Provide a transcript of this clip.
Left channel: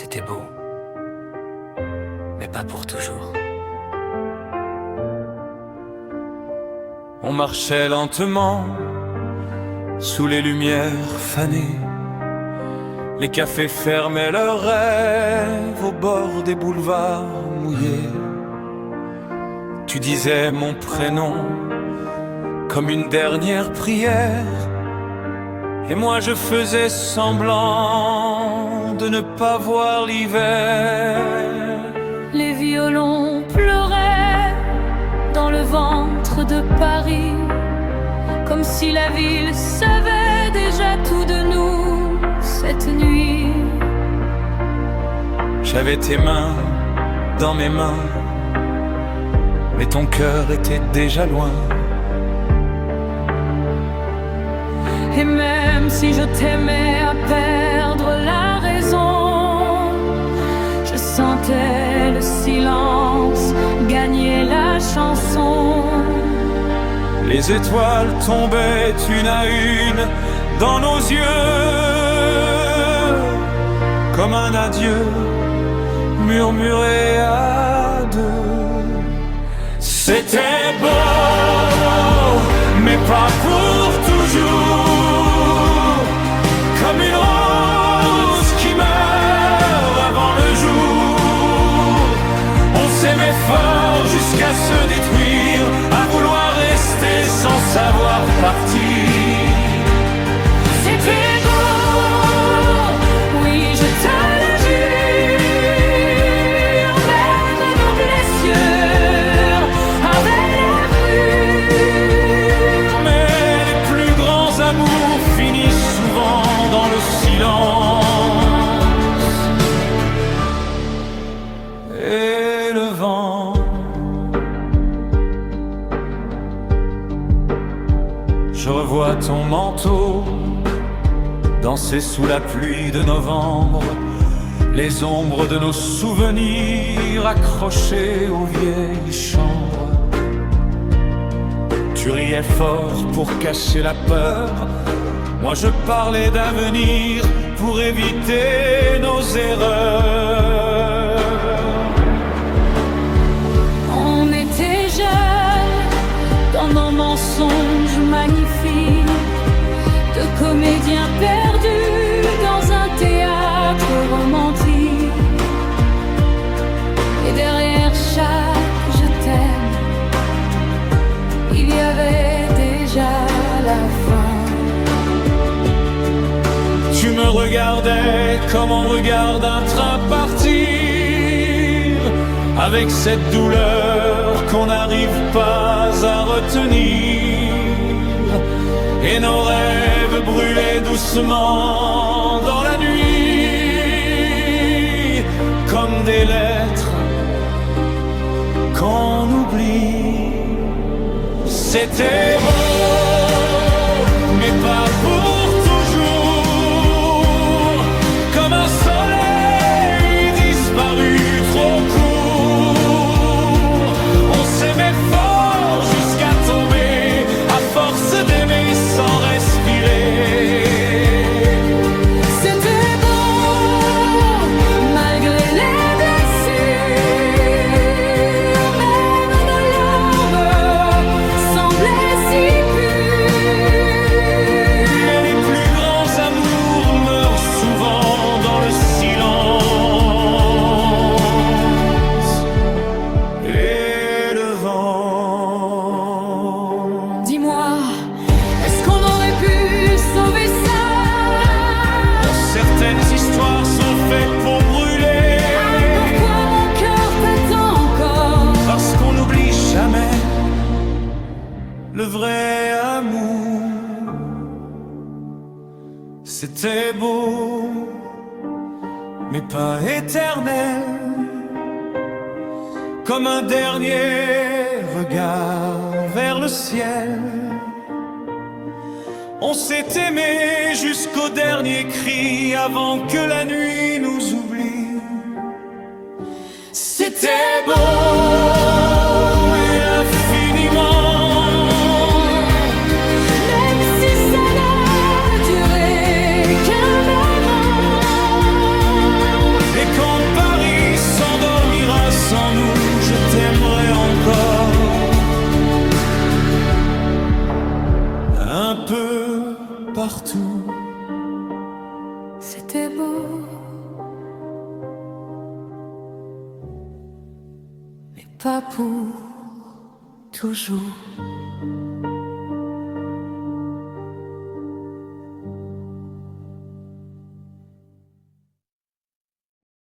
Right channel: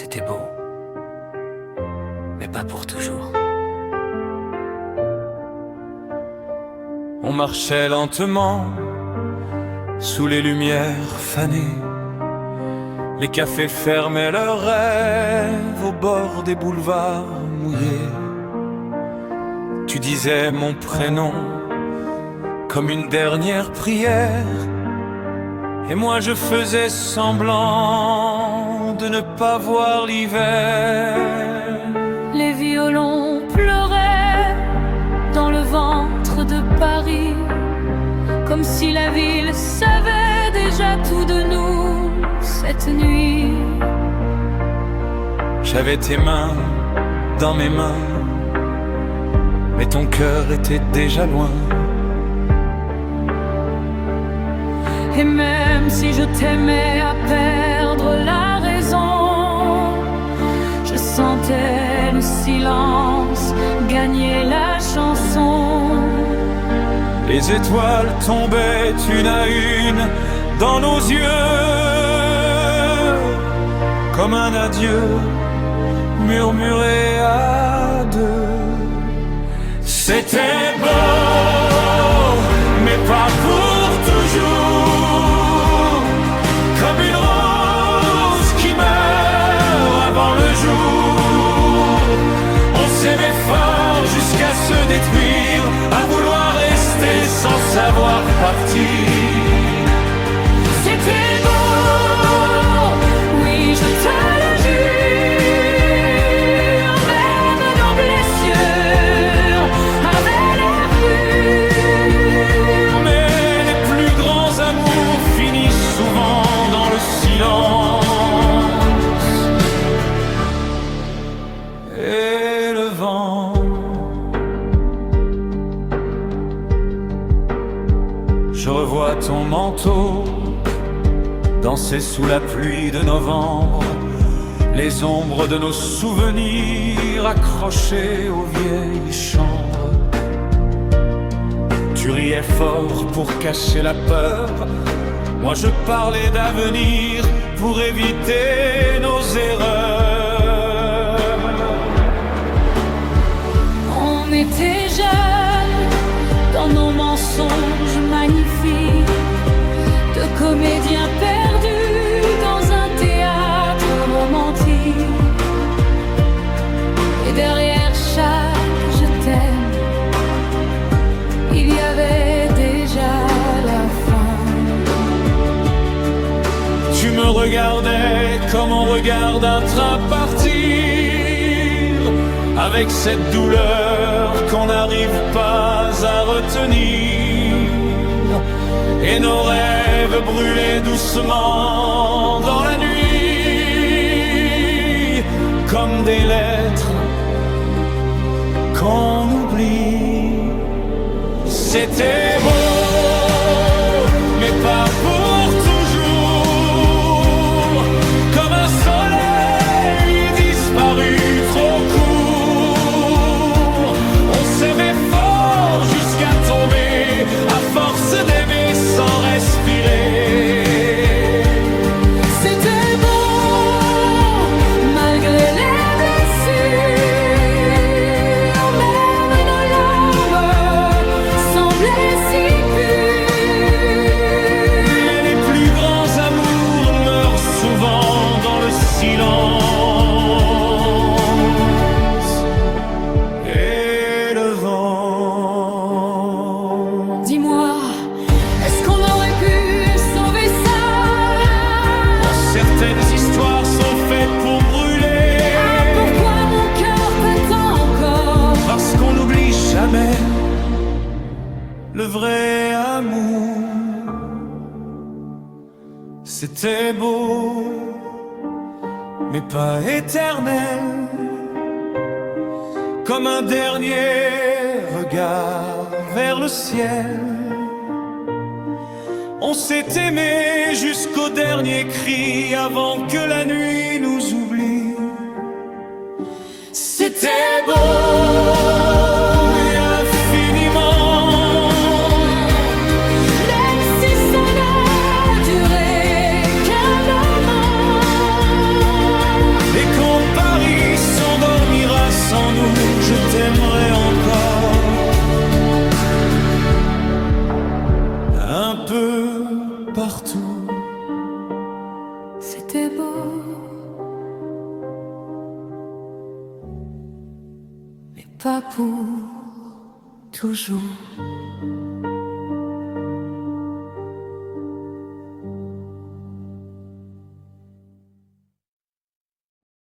C'était beau, mais pas pour toujours. On marchait lentement sous les lumières fanées. Les cafés fermaient leurs rêves au bord des boulevards mouillés. Tu disais mon prénom comme une dernière prière, et moi je faisais semblant de ne pas voir l'hiver. Les violons pleuraient dans le ventre de Paris, comme si la ville savait déjà tout de nous cette nuit. J'avais tes mains dans mes mains, mais ton cœur était déjà loin. Et même si je t'aimais à perdre la raison, je sentais le silence gagner la chanson. Les étoiles tombaient une à une dans nos yeux, comme un adieu murmuré à deux. C'était beau, mais pas pour toujours, comme une rose qui meurt avant le jour. On s'aimait fort jusqu'à se détruire, à vouloir rester sans savoir partir. C'était beau, oui je te le jure, même nos blessures avaient l'air pures. Mais les plus grands amours finissent souvent dans le silence. Et le vent, je revois ton manteau danser sous la pluie de novembre, les ombres de nos souvenirs accrochés aux vieilles chambres. Tu riais fort pour cacher la peur, moi je parlais d'avenir pour éviter nos erreurs. On était jeunes dans nos mensonges magnifiques, de comédiens perdus dans un théâtre romantique. Et derrière chaque je t'aime, il y avait déjà la fin. Tu me regardais comme on regarde un train partir, avec cette douleur qu'on n'arrive pas à retenir. Et nos rêves brûlaient doucement dans la nuit, comme des lettres qu'on oublie. C'était beau, mais pas pour toujours, comme un soleil disparu trop court. On s'aimait fort jusqu'à tomber, à force d'aimer sans respirer. C'était beau, malgré les blessures, même nos larmes semblaient si pures. Mais les plus grands amours meurent souvent dans le silence. Et le vent. Dis-moi, est-ce qu'on aurait pu sauver ça? Certaines histoires sont faites pour brûler. Ah, pourquoi mon cœur t'attend encore? Parce qu'on n'oublie jamais le vrai amour. C'était beau, mais pas éternel, comme un dernier regard vers le ciel. On s'est aimé jusqu'au dernier cri avant que la nuit nous oublie. C'était beau et infiniment, Même si ça n'a duré qu'un moment. et sans nous, je t'aimerais encore. Un peu partout. C'était beau, mais pas pour toujours.